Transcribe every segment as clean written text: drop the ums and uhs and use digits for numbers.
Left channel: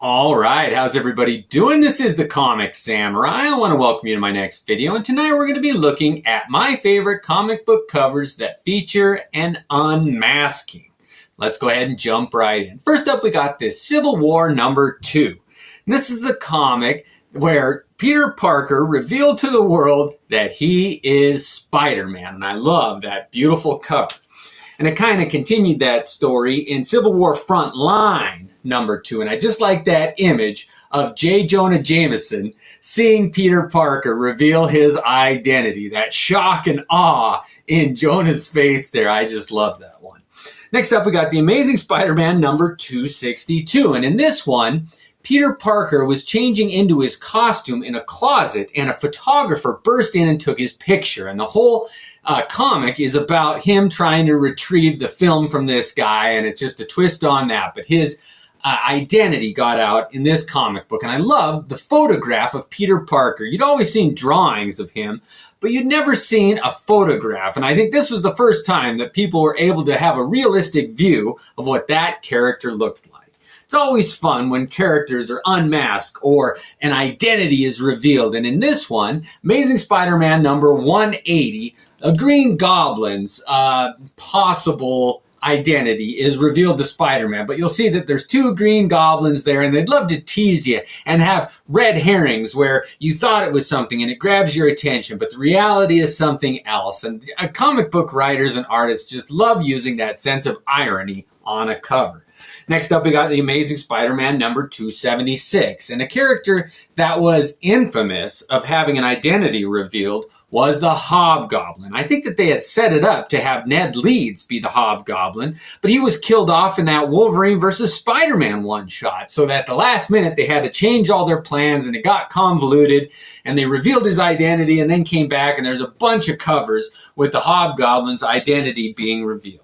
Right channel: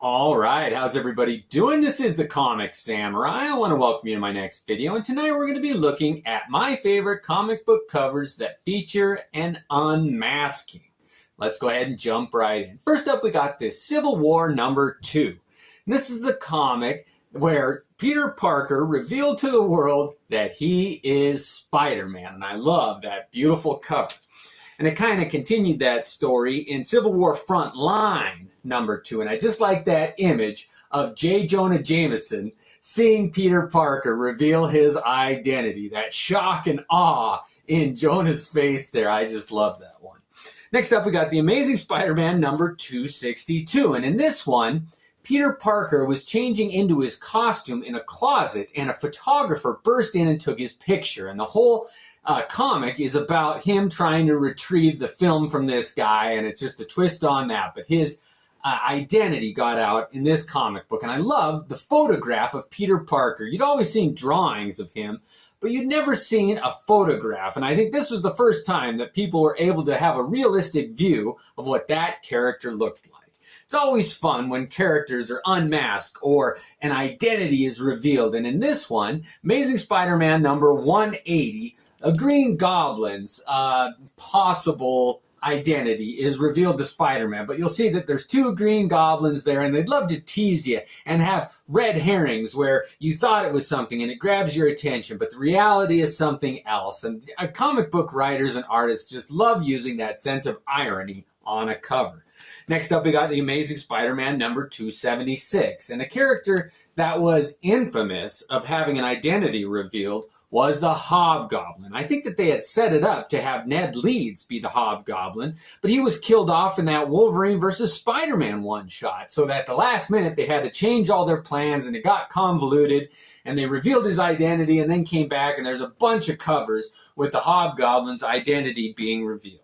All right, how's everybody doing? This is the Comic Samurai. I want to welcome you to my next video, and tonight we're going to be looking at my favorite comic book covers that feature an unmasking. Let's go ahead and jump right in. First up, we got this Civil War #2. And this is the comic where Peter Parker revealed to the world that he is Spider-Man, and I love that beautiful cover. And it kind of continued that story in Civil War Frontline #2. And I just like that image of J. Jonah Jameson seeing Peter Parker reveal his identity. That shock and awe in Jonah's face there. I just love that one. Next up, we got the Amazing Spider-Man #262. And in this one, Peter Parker was changing into his costume in a closet, and a photographer burst in and took his picture. And the whole comic is about him trying to retrieve the film from this guy, and it's just a twist on that. But his identity got out in this comic book, and I love the photograph of Peter Parker. You'd always seen drawings of him, but you'd never seen a photograph. And I think this was the first time that people were able to have a realistic view of what that character looked like. It's always fun when characters are unmasked or an identity is revealed. And in this one, Amazing Spider-Man #180, a Green Goblin's possible identity is revealed to Spider-Man. But you'll see that there's two Green Goblins there, and they'd love to tease you and have red herrings where you thought it was something and it grabs your attention, but the reality is something else. And comic book writers and artists just love using that sense of irony on a cover. Next up, we got the Amazing Spider-Man #276. And a character that was infamous of having an identity revealed was the Hobgoblin. I think that they had set it up to have Ned Leeds be the Hobgoblin, but he was killed off in that Wolverine versus Spider-Man one-shot. So that at the last minute, they had to change all their plans, and it got convoluted, and they revealed his identity and then came back, and there's a bunch of covers with the Hobgoblin's identity being revealed.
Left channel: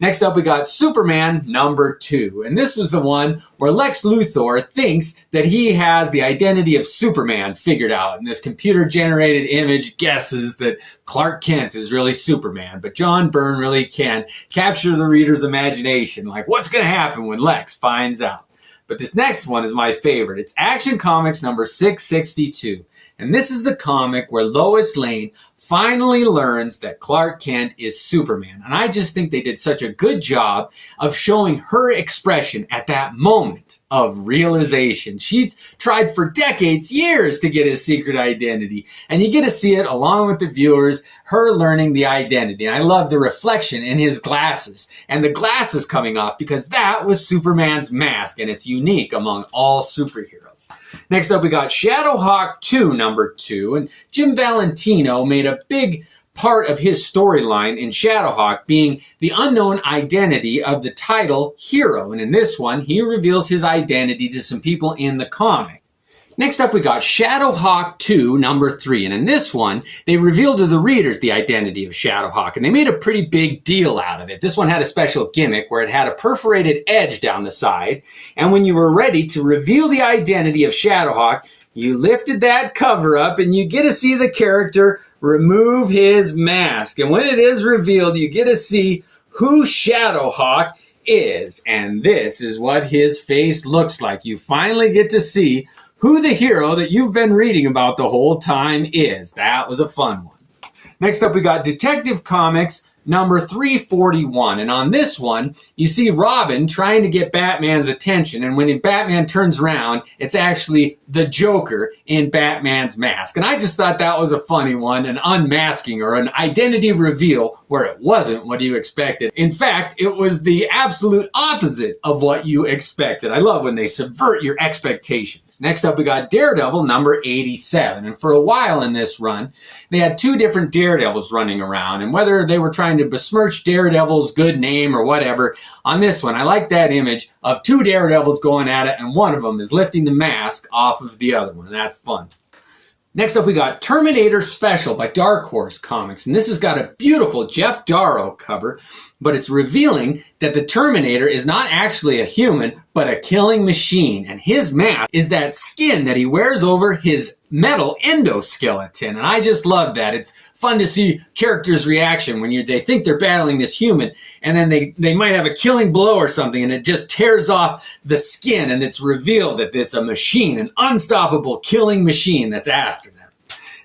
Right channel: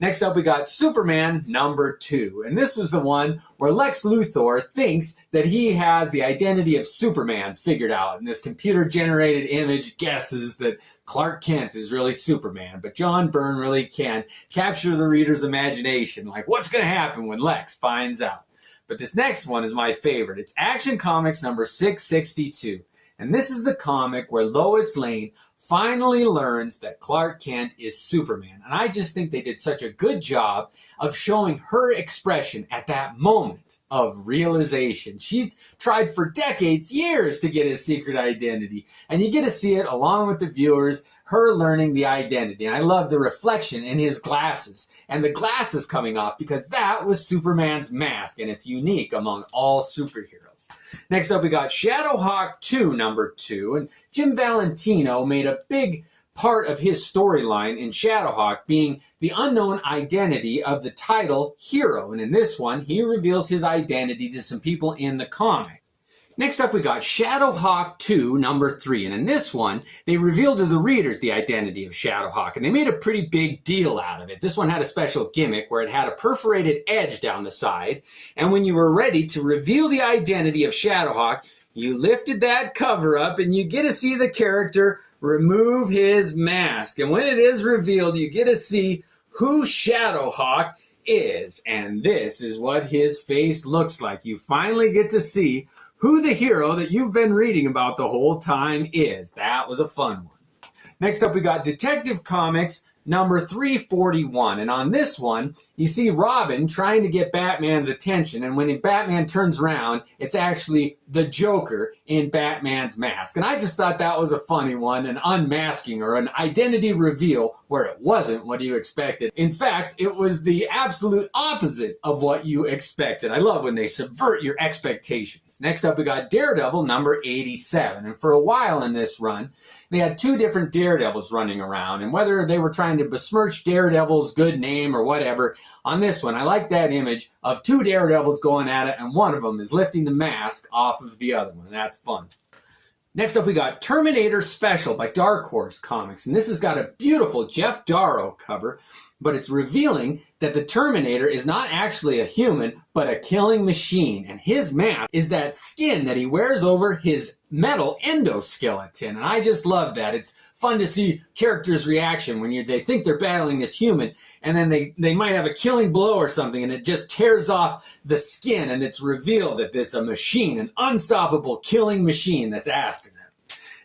Next up, we got Superman #2. And this was the one where Lex Luthor thinks that he has the identity of Superman figured out. And this computer-generated image guesses that Clark Kent is really Superman. But John Byrne really can capture the reader's imagination. Like, what's going to happen when Lex finds out? But this next one is my favorite. It's Action Comics #662. And this is the comic where Lois Lane finally learns that Clark Kent is Superman. And I just think they did such a good job of showing her expression at that moment of realization. She's tried for decades, years to get his secret identity. And you get to see it along with the viewers, her learning the identity. And I love the reflection in his glasses and the glasses coming off, because that was Superman's mask, and it's unique among all superheroes. Next up, we got Shadowhawk 2 #2, and Jim Valentino made a big part of his storyline in Shadowhawk being the unknown identity of the title hero. And in this one, he reveals his identity to some people in the comic. Next up, we got Shadowhawk 2 #3. And in this one, they revealed to the readers the identity of Shadowhawk. And they made a pretty big deal out of it. This one had a special gimmick where it had a perforated edge down the side. And when you were ready to reveal the identity of Shadowhawk, you lifted that cover up and you get to see the character remove his mask. And when it is revealed, you get to see who Shadowhawk is. And this is what his face looks like. You finally get to see who the hero that you've been reading about the whole time is. That was a fun one. Next up, we got Detective Comics #341. And on this one, you see Robin trying to get Batman's attention. And when Batman turns around, it's actually the Joker in Batman's mask. And I just thought that was a funny one, an unmasking or an identity reveal where it wasn't what you expected. In fact, it was the absolute opposite of what you expected. I love when they subvert your expectations. Next up, we got Daredevil #87. And for a while in this run, they had two different Daredevils running around. And whether they were trying to besmirch Daredevil's good name or whatever, on this one, I like that image of two Daredevils going at it, and one of them is lifting the mask off of the other one. That's fun. Next up, we got Terminator Special by Dark Horse Comics. And this has got a beautiful Jeff Darrow cover but it's revealing that the Terminator is not actually a human, but a killing machine. And his mask is that skin that he wears over his metal endoskeleton. And I just love that. It's fun to see characters' reaction when they think they're battling this human, and then they might have a killing blow or something, and it just tears off the skin, and it's revealed that this is a machine, an unstoppable killing machine that's after them.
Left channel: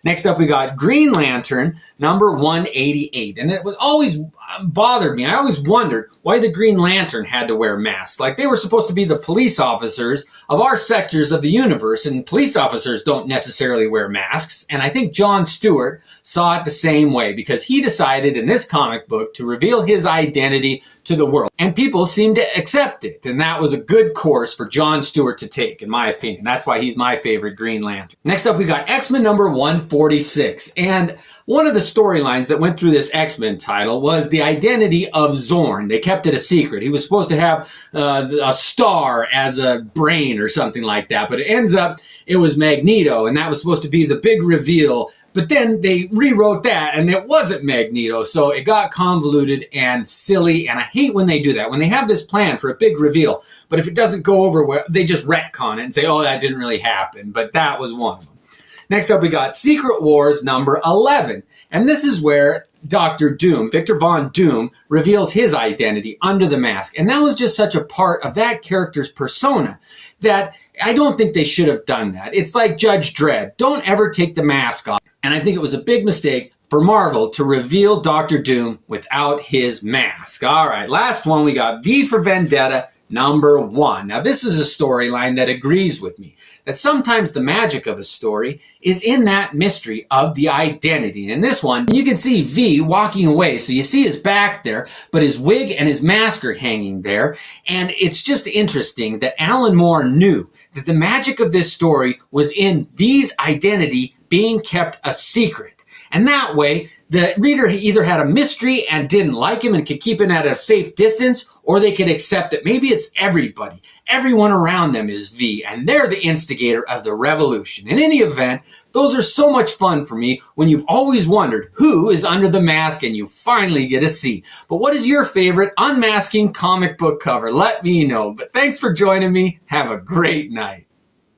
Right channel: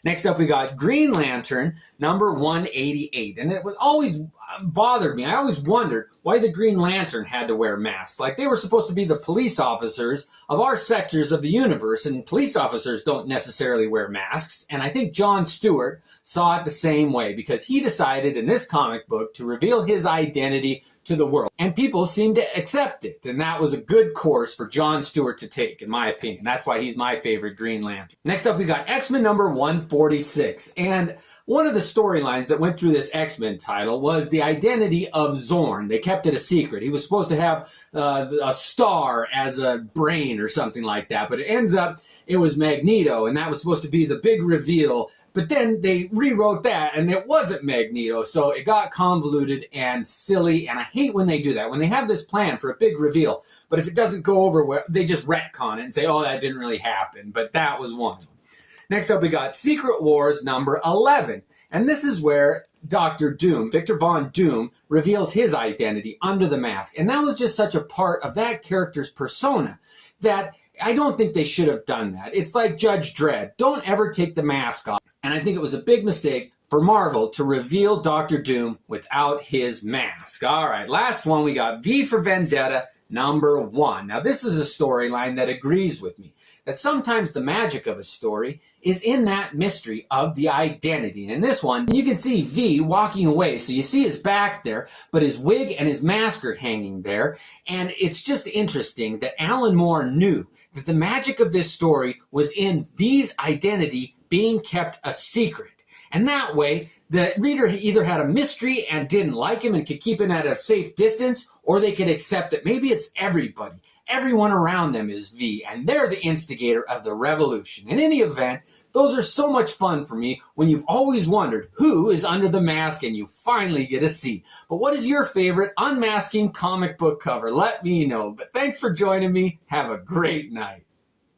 Next up, we got Green Lantern, number 188. And it was always bothered me. I always wondered why the Green Lantern had to wear masks. Like, they were supposed to be the police officers of our sectors of the universe, and police officers don't necessarily wear masks. And I think John Stewart saw it the same way, because he decided in this comic book to reveal his identity to the world. And people seemed to accept it. And that was a good course for John Stewart to take, in my opinion. That's why he's my favorite Green Lantern. Next up, we got X-Men number 146. And one of the storylines that went through this X-Men title was the identity of Zorn. They kept it a secret. He was supposed to have a star as a brain or something like that, but it ends up it was Magneto, and that was supposed to be the big reveal. But then they rewrote that, and it wasn't Magneto, so it got convoluted and silly, and I hate when they do that, when they have this plan for a big reveal, but if it doesn't go over well, they just retcon it and say, oh, that didn't really happen, but that was one of them. Next up, we got Secret Wars number 11. And this is where Dr. Doom, Victor Von Doom, reveals his identity under the mask. And that was just such a part of that character's persona that I don't think they should have done that. It's like Judge Dredd. Don't ever take the mask off. And I think it was a big mistake for Marvel to reveal Dr. Doom without his mask. All right, last one, we got V for Vendetta number 1. Now, this is a storyline that agrees with me, that sometimes the magic of a story is in that mystery of the identity. And in this one, you can see V walking away. So you see his back there, but his wig and his mask are hanging there. And it's just interesting that Alan Moore knew that the magic of this story was in V's identity being kept a secret. And that way, the reader either had a mystery and didn't like him and could keep him at a safe distance, or they could accept that maybe it's everybody. Everyone around them is V, and they're the instigator of the revolution. In any event, those are so much fun for me when you've always wondered who is under the mask and you finally get to see. But what is your favorite unmasking comic book cover? Let me know. But thanks for joining me. Have a great night.